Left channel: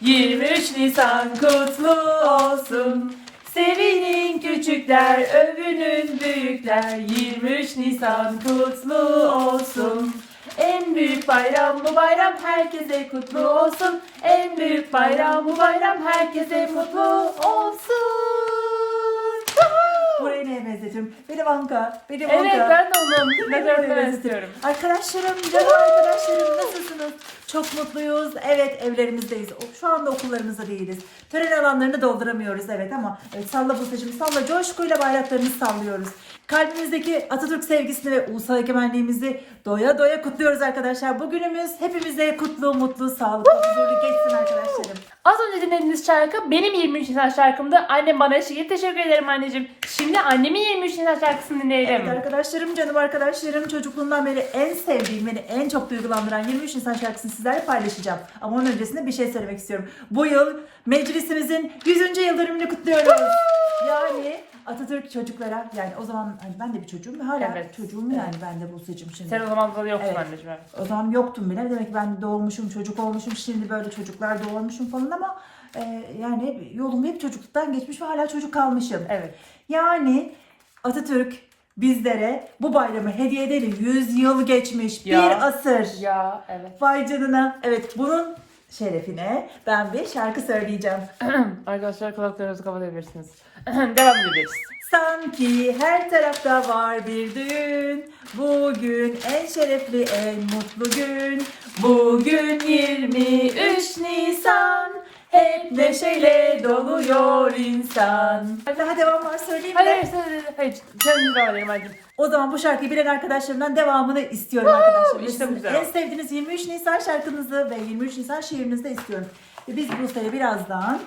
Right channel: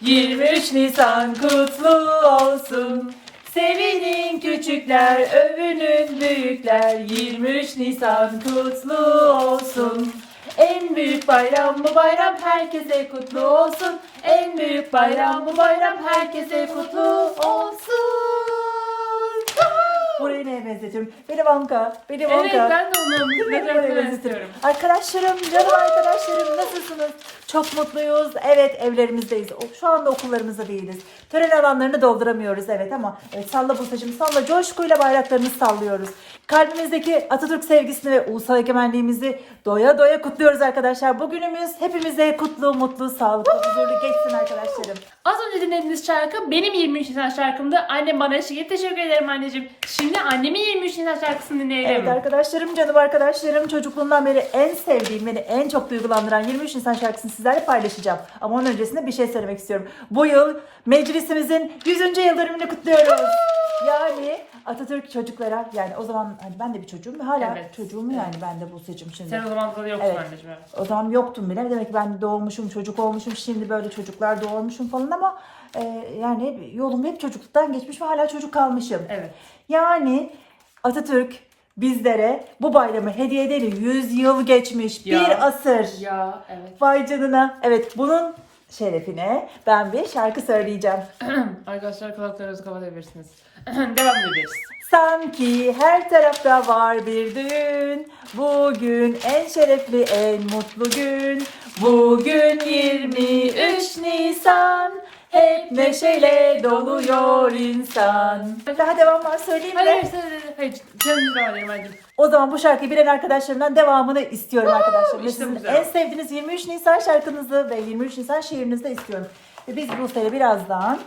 23 Nisan kutlu olsun. Sevinin küçükler, övünün büyükler. 23 Nisan kutlu olsun. En büyük bayram bu bayram herkese kutlu olsun. En büyük bayram bu bayram herkese kutlu olsun. Burayı neye benzetim? Benim Anka. Benim Evet Anka. ben de onu ne istiyorum. Arkadaşlarım, canım arkadaşlarım nasılsınız? Çok mutluyuz. Evet evlerimizdeyiz. O- Şu anda okullarımızda değiliz. Tören alanlarını dolduramıyoruz evet ama evet, salla Buse'cim salla coşkuyla bayraklarımızı sallıyoruz. Kalbimizdeki Atatürk sevgisini ve ulusal egemenliğimizi doya doya kutluyoruz arkadaşlar. Bugünümüz hepimize kutlu, mutlu, sağlıklı, huzurlu geçsin arkadaşlarım. Az önce dinlediğiniz şarkı benim 23 Nisan şarkımdı. Annem bana eşlik. Teşekkür ederim anneciğim. Şimdi annemin 23 Nisan şarkısını dinleyelim. Evet arkadaşlarım, canım arkadaşlarım çocukluğumdan beri en sevdiğim, beni en çok duygulandıran 23 Nisan şarkısını sizlerle paylaşacağım. Ama onun öncesinde bir şey söylemek istiyorum. Bu yıl meclisimizin 100. yıl dönümünü kutluyoruz. Yani Atatürk çocuklara, yani o zaman yani ben de bir çocuğum, hala Evet. çocuğum yani ben de Buse'cim şimdi. Sen o zaman da yoksun Evet. anneciğim. O zaman yoktum bile. Demek ki ben doğmuşum, çocuk olmuşum, şimdi böyle çocuklar doğurmuşum falan ama e, yani yolum hep çocukluktan geçmiş ve hala çocuk kalmışım. Evet. Yani Atatürk bizlere bu bayramı hediye edeli 100 yıl geçmiş. Ya. Bir asır. Ya evet. Vay canına. Evet bunun şerefine ben bir şarkı söyleyeceğim. Arkadaşlar kulaklarınızı kapatabilirsiniz. Devam ederiz. Sanki her tarafta var bir düğün. Bugün en şerefli, en mutlu gün. Bugün 23 Nisan. Hep neşeyle doluyor insan. Daha devam var söyleyeyim Hadi mi? hadi hadi. Hayır. Devam edelim hadi. O zaman bu şarkıyı bilen arkadaşlarımdan devamını istiyorum arkadaşlar. işte Sizin bu güzel. en sevdiğiniz 23 Nisan şarkınızı ve 23 Nisan şiirinizi de istiyorum. Ve biz bu sene birazdan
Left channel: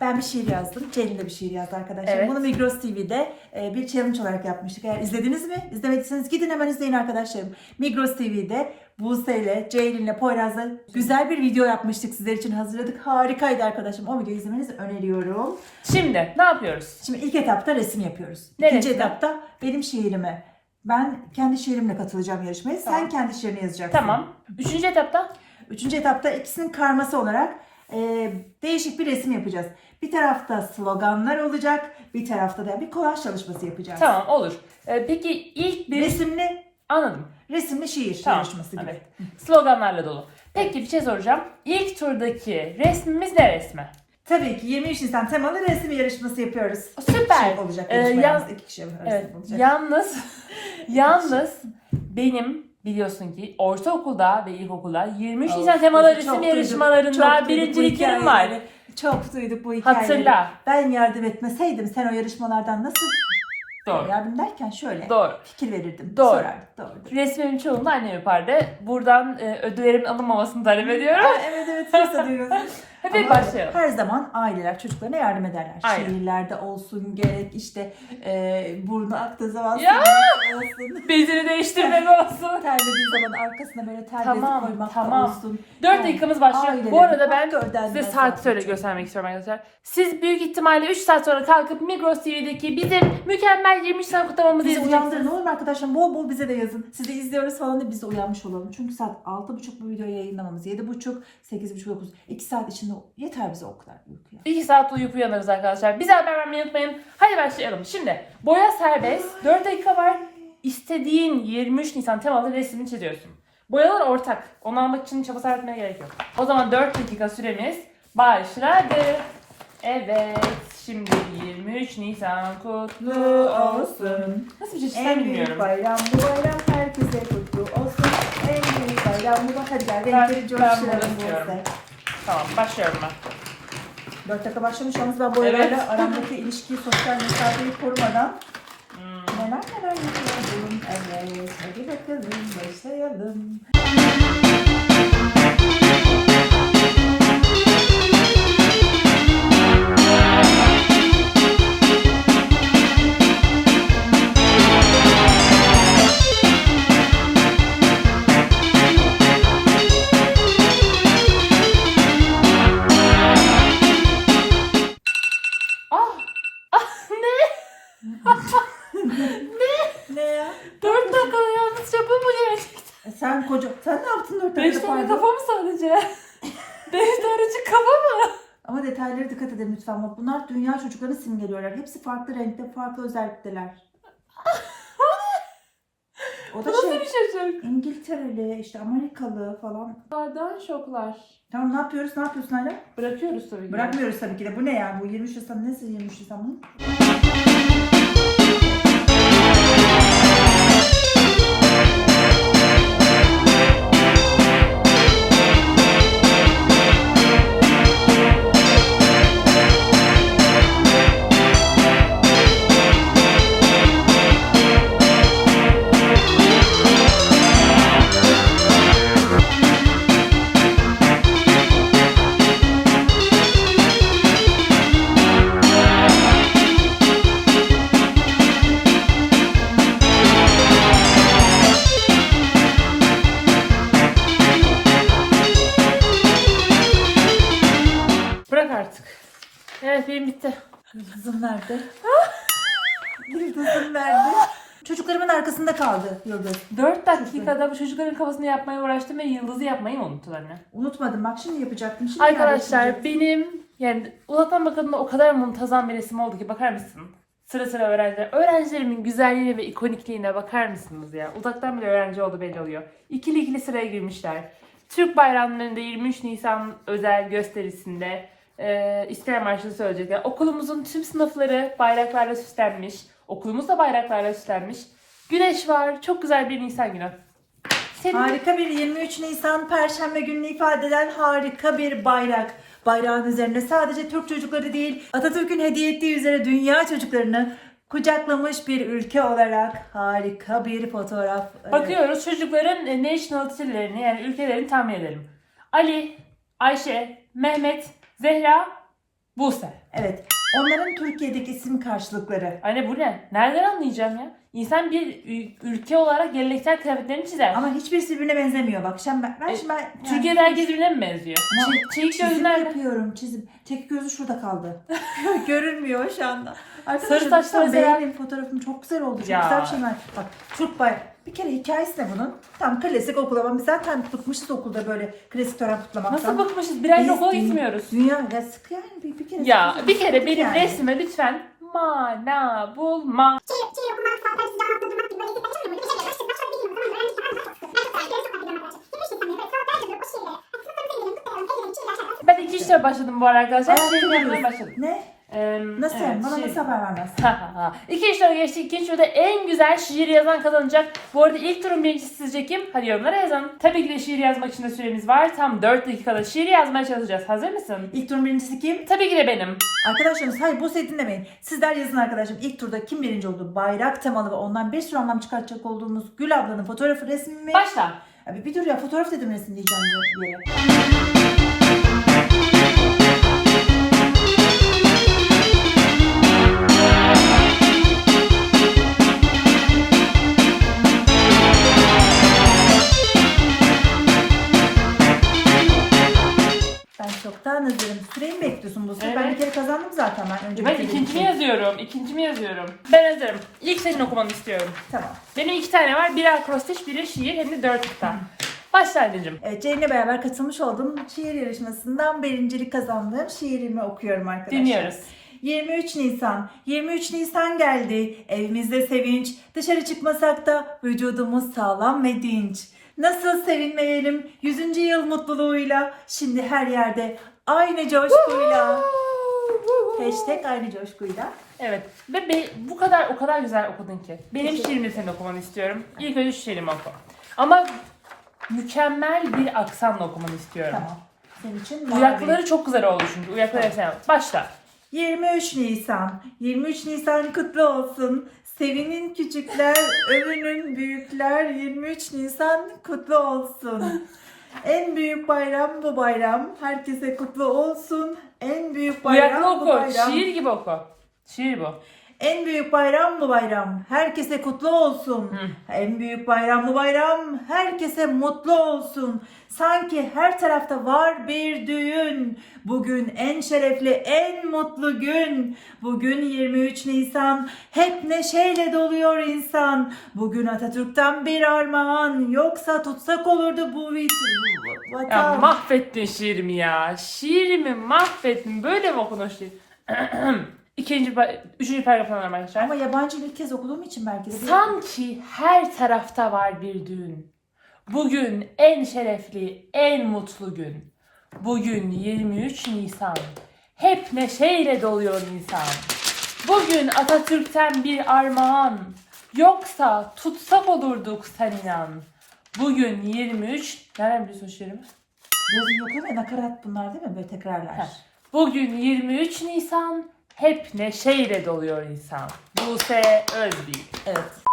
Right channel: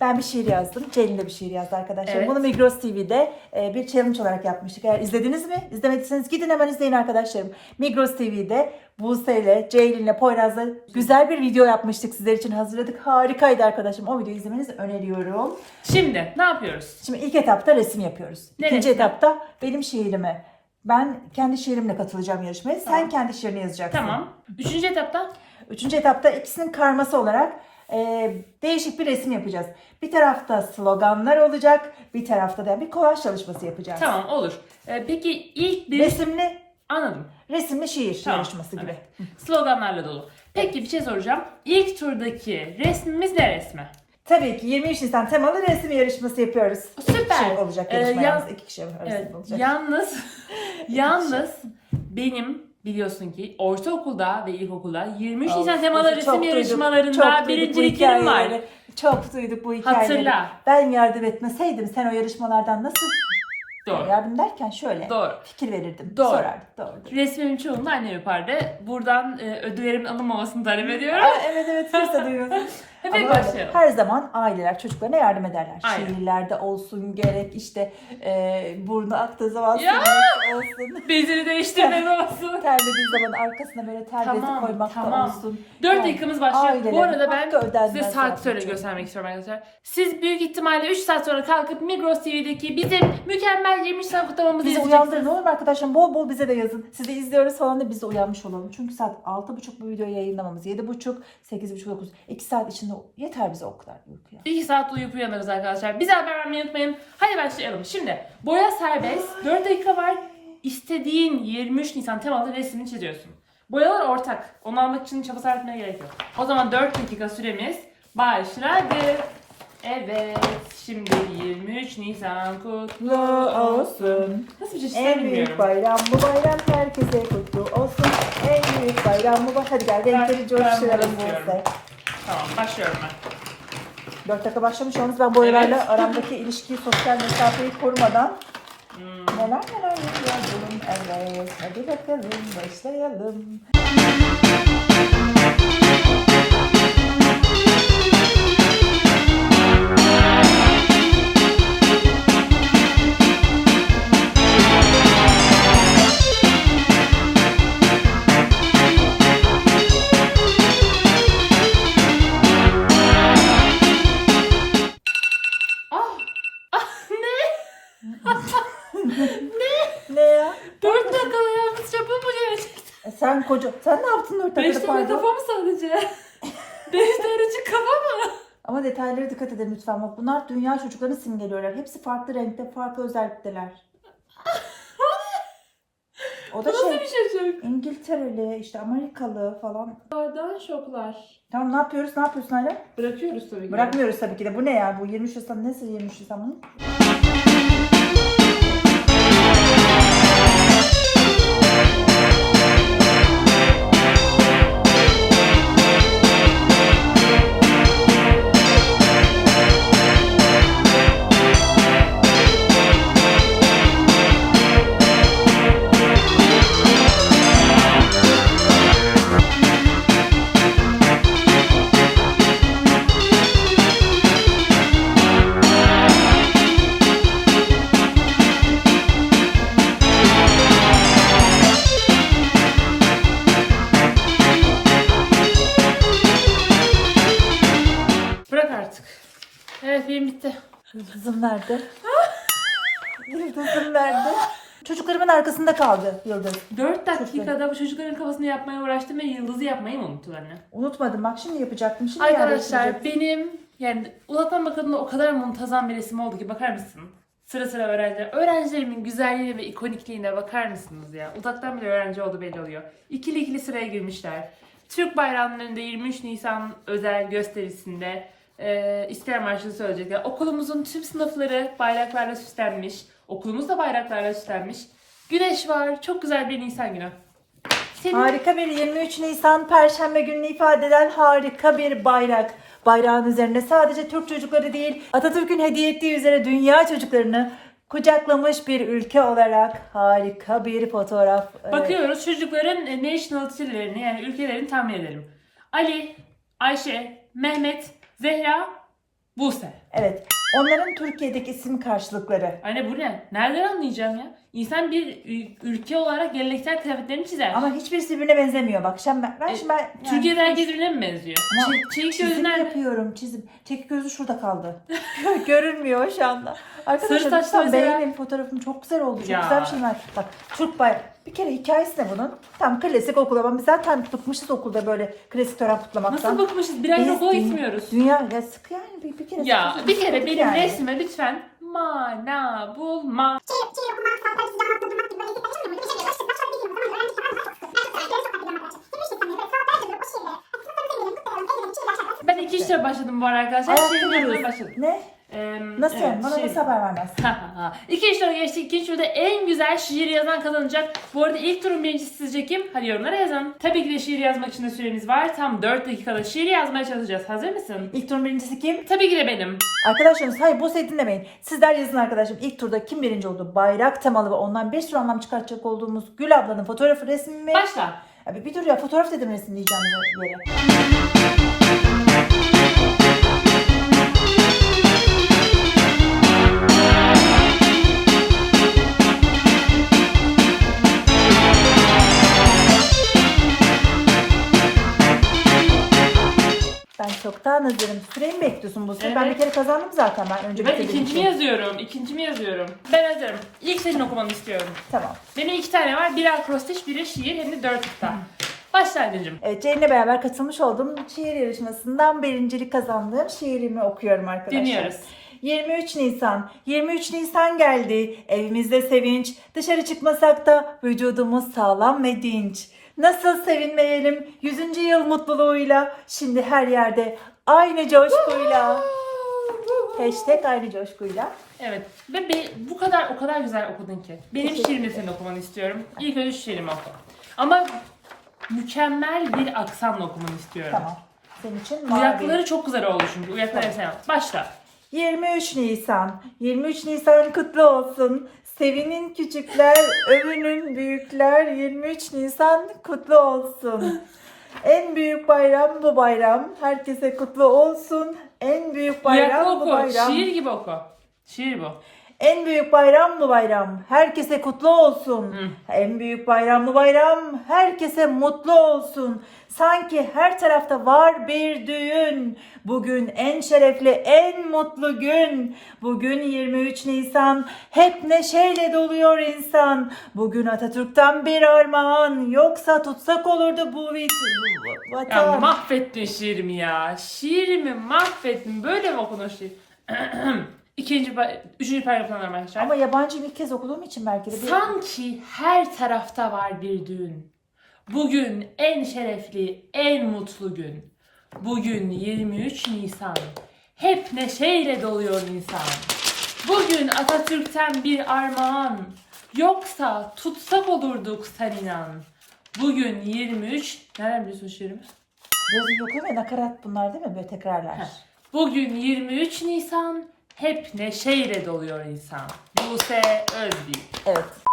ben bir şiir yazdım. Ceylin de bir şiir yazdı arkadaşlar. Evet. Bunu Migros TV'de e, bir challenge olarak yapmıştık. Eğer izlediniz mi? İzlemediyseniz gidin hemen izleyin arkadaşlarım. Migros TV'de Buse ile Ceylin ile Poyraz'la güzel bir video yapmıştık. Sizler için hazırladık. Harikaydı arkadaşım. O videoyu izlemenizi öneriyorum. Şimdi ne yapıyoruz? Şimdi ilk etapta resim yapıyoruz. Ne İkinci resmi? etapta benim şiirimi. Ben kendi şiirimle katılacağım yarışmaya. Sen Tamam. kendi şiirini yazacaksın. Tamam. Üçüncü etapta Üçüncü etapta ikisinin karması olarak e, değişik bir resim yapacağız. Bir tarafta sloganlar olacak, bir tarafta da bir kolaj çalışması yapacağız. tamam olur. Ee, peki ilk bir Resimli, anladım. resimli şiir Tamam, yarışması gibi. evet. Sloganlarla dolu. Peki bir şey soracağım. İlk turdaki resmimiz ne resmi? Tabii ki 23 Nisan temalı resim yarışması yapıyoruz. Süper. İki kişi olacak Ee, yarışma yaz- yalnız. İki kişi arasında Evet. olacak. Yalnız yalnız benim biliyorsun ki ortaokulda ve ilkokulda 23 Of, Nisan temalı çok resim duyduk, yarışmalarında duyduk bu birinciliklerim var. hikayeleri. Çok duyduk bu hikayeleri. Hatırla. Ben yardım etmeseydim sen o yarışmalardan nasıl Doğru. yardım derken şöyle Doğru. fikir verirdim. Doğru. Sorardık. Doğrudur. Resmimin çoğunu annem yapardı. Buradan e, ödüllerimin alınmamasını talep ediyorum. Aa, evet evet kimse duymasın. Hadi Ama başlayalım. Her zaman aileler çocuklarına yardım ederler. Aynen. Şiirlerde olsun gerek işte e, burnu aktığı zaman Ya! olsun. Bezini değiştirmek olsun. Terlediği zaman arkasına böyle bezi Tamam, koymak tamam. da olsun. 4 Yani dakikamız başlıyor. Bu arada ben size saat sonra çok. göstermek istiyorum arkadaşlar. Siz büyük ihtimalle 3 saat sonra kalkıp Migros TV'deki bizim mükemmel 23 Nisan kutlamamızı Bizi uyandırın olur arkadaşlar? Bol bol bize de yazın. Sizi izliyoruz falan da biz de uyanmış olalım. Çünkü saat 6.30 bu videoyu yayınlamamız. 7.30, 8.30, 9. 2 saat içinde yeter bize o kadar uykuya. 2 saat uyuyup uyanırız arkadaşlar. Bize haber vermeyi unutmayın. Hadi başlayalım. Şimdi boya serbest. 4 dakika var. İstediğin 23 Nisan temalı resmini çiziyorsun. Boyalar ortak. Onu almak için çaba sarf etmeye gerek yok. O zaman 4 dakika süremiz başladı. Evet. Şimdi 23 Nisan kutlu olsun. Nasıl bir şey çizsem En büyük bilmiyorum. bayram bu bayram herkese kutlu olsun. En büyük bayram bu bayram. Hadi gel Ben- renkleri ben coşturalım. bunu istiyorum. neyse. Tamam başlıyorum ben. 4 dakika başlamış yalnız ben boyalarla Evet. aramdaki ilişkiyi, sosyal mesafeyi korumadan Hmm. neler neler yapıyorum. Evet hadi bakalım başlayalım. E sen koca... Sen ne yaptın 4 5 dakikada dakika pardon? kafamı sadece. Deştarıcı kafa mı? Ama detaylara dikkat edin lütfen. Bak bunlar dünya çocuklarını simgeliyorlar. Hepsi farklı renkte, farklı özellikteler. O da Nasıl şey bir çocuk? İngiltereli, işte Amerikalı falan. Bardağı şoklar. Tamam ne yapıyoruz? Ne yapıyorsun hala? Bırakıyoruz tabii ki. Bırakmıyoruz tabii ki de. Bu ne yani? Bu 23 Nisan nesi 23 Nisan bunun? Evet benim bitti. Yıldızım nerede? Yıldızım nerede? Çocuklarımın arkasında kaldı Yıldız. 4 dakikada bu çocukların kafasını yapmaya uğraştım ve yıldızı yapmayı mı unuttun anne? Unutmadım bak şimdi yapacaktım. Şimdi Arkadaşlar yerleştirecektim. benim yani uzaktan bakıldığında o kadar muntazam bir resim oldu ki bakar mısın? Sıra sıra öğrenciler. Öğrencilerimin güzelliğine ve ikonikliğine bakar mısınız ya? Uzaktan bile öğrenci oldu belli oluyor. İkili ikili sıraya girmişler. Türk bayramlarında 23 Nisan özel gösterisinde e, İstiklal Marşı'nı söyleyecekler. Okulumuzun tüm sınıfları bayraklarla süslenmiş. Okulumuz da bayraklarla süslenmiş. Güneş var. Çok güzel bir Nisan günü. Senin Harika bir 23 Nisan Perşembe gününü ifade eden harika bir bayrak. Bayrağın üzerinde sadece Türk çocukları değil, Atatürk'ün hediye ettiği üzere dünya çocuklarını kucaklamış bir ülke olarak harika bir fotoğraf. Bakıyoruz çocukların e, nationality'lerini yani ülkelerini tahmin edelim. Ali, Ayşe, Mehmet, Zehra, Buse. Evet. Onların Türkiye'deki isim karşılıkları. Anne bu ne? Nereden anlayacağım ya? İnsan bir ülke olarak geleneksel kıyafetlerini çizer. Ama hiçbirisi birbirine benzemiyor. Bak şimdi ben, ben, E, şimdi ben yani Türkiye'de herkes birbirine mi benziyor? Ama Çe- Çelik çizim gözü nerede? yapıyorum çizim. Tek gözü şurada kaldı. Görünmüyor şu anda. Arkadaşlar Sarı saçlı lütfen mesela. beğenin fotoğrafım çok güzel oldu. Çok Ya. güzel bir şey var. Bak Türk bay. Bir kere hikayesi de bunun. Tam klasik okul ama biz zaten tutmuşuz okulda böyle klasik tören kutlamaktan. Nasıl bakmışız? Bir ay Biz okula gitmiyoruz. Dünya ya sık yani bir, bir kere Ya bir kere benim yani. resme lütfen mana bulma. Ben iki işlere başladım bu arkadaşlar. Şimdi duruyorsun. başladım. Ne? Ee, Nasıl evet? Bana şey- nasıl haber vermez? İki işlere geçtik. İkinci turda en güzel şiir yazan kazanacak. Bu arada ilk turun birincisi sizce kim? Hadi yorumlara yazın. Tabii ki de şiir yazmak için de süremiz var. Tam 4 dakikada şiir yazmaya çalışacağız. Hazır mısın? İlk turun birincisi kim? Tabii ki de benim. Arkadaşlarımız hayır bu seti dinlemeyin. Sizler yazın arkadaşım. İlk turda kim birinci oldu? Bayrak temalı ve ondan bir sürü anlam çıkartacak olduğumuz Gül ablanın fotoğrafı resmi mi? Başla. Abi bir dur ya fotoğraf dedim resim diyeceğim yere. Çoktan hazırım. Süreyi mi bekliyorsun bu sefer? Ben Evet. bir kere kazandım zaten ben. Önce Ben bitirdiğim ikincimi yazıyorum. İkincimi yazıyorum. Ben hazırım. İlk senin okumanı istiyorum. Tamam. Benim iki tane var. Biri akrostiş, biri şiir hem de dört kıta. Başla anneciğim. Evet, Ceylin'le beraber katılmış olduğum şiir yarışmasından birincilik kazandığım şiirimi okuyorum arkadaşlar. Dinliyoruz. 23 Nisan. 23 Nisan geldi. Evimizde sevinç. Dışarı çıkmasak da vücudumuz sağlam ve dinç. Nasıl sevinmeyelim 100. yıl mutluluğuyla. Şimdi her yerde aynı coşkuyla. Hashtag aynı coşkuyla. Evet. Ve be- bu kadar o kadar güzel okudun ki. Benim Teşekkür şiirimi senin okumanı istiyorum. İlk önce şiirimi oku. Ama mükemmel bir aksanla okumanı istiyorum. Tamam. Senin için mavi. Uyakları çok güzel oldu çünkü. Uyakları sen Başla. 23 Nisan. 23 Nisan kutlu olsun. Sevinin küçükler, övünün büyükler. 23 Nisan kutlu olsun. En büyük bayram bu bayram. Herkese kutlu olsun. En büyük bayram Uyaklı bu oku. bayram. Şiir gibi oku. Şiir bu. En büyük bayram bu bayram. Herkese kutlu olsun. Hı. En büyük bayram bu bayram. Herkese mutlu olsun. Sanki her tarafta var bir düğün. Bugün en şerefli, en mutlu gün. Bugün 23 Nisan. Hep neşeyle doluyor insan. Bugün Atatürk'ten bir armağan. Yoksa tutsak olurdu bu vit- bu Ya vatan. mahvettin şiirimi ya. Şiirimi mahvettin. Böyle mi okunur şiir? İkinci, pa- üçüncü paragrafı alalım arkadaşlar. Ama yabancı ilk kez okuduğum için belki de. bir- Sanki her tarafta var bir düğün. Bugün en şerefli, en mutlu gün. Bugün 23 Nisan. Hep neşeyle doluyor insan. Bugün Atatürk'ten bir armağan. Yoksa tutsak olurduk sen inan. Bugün 23... Nereden biliyorsun şiirimi? Yazın yok ama nakarat bunlar değil mi? Böyle tekrarlar. Heh. Bugün 23 Nisan. Hep neşeyle doluyor insan. Buse Özbey. Evet.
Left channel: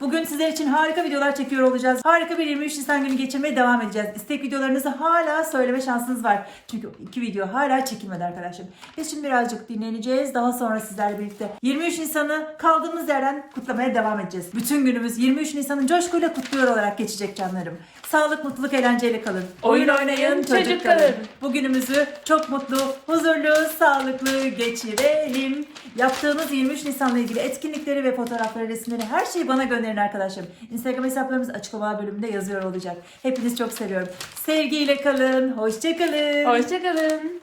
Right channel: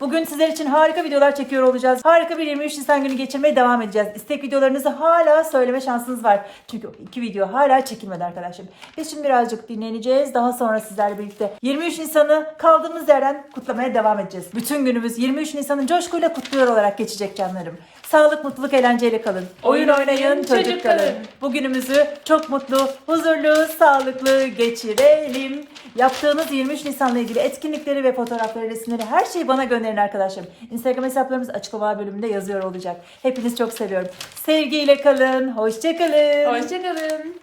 Bugün sizler için harika videolar çekiyor olacağız. Harika bir 23 Nisan günü geçirmeye devam edeceğiz. İstek videolarınızı hala söyleme şansınız var. Çünkü iki video hala çekilmedi arkadaşlar. Biz şimdi birazcık dinleneceğiz. Daha sonra sizlerle birlikte 23 Nisan'ı kaldığımız yerden kutlamaya devam edeceğiz. Bütün günümüz 23 Nisan'ı coşkuyla kutluyor olarak geçecek canlarım. Sağlık, mutluluk, eğlenceyle kalın. Oyun oynayın, çocuk kalın. Bugünümüzü çok mutlu, huzurlu, sağlıklı geçirelim. Yaptığınız 23 Nisan'la ilgili etkinlikleri ve fotoğrafları, resimleri her şeyi bana gönderin arkadaşlarım. Instagram hesaplarımız açıklama bölümünde yazıyor olacak. Hepinizi çok seviyorum. Sevgiyle kalın, hoşçakalın. Hoşçakalın.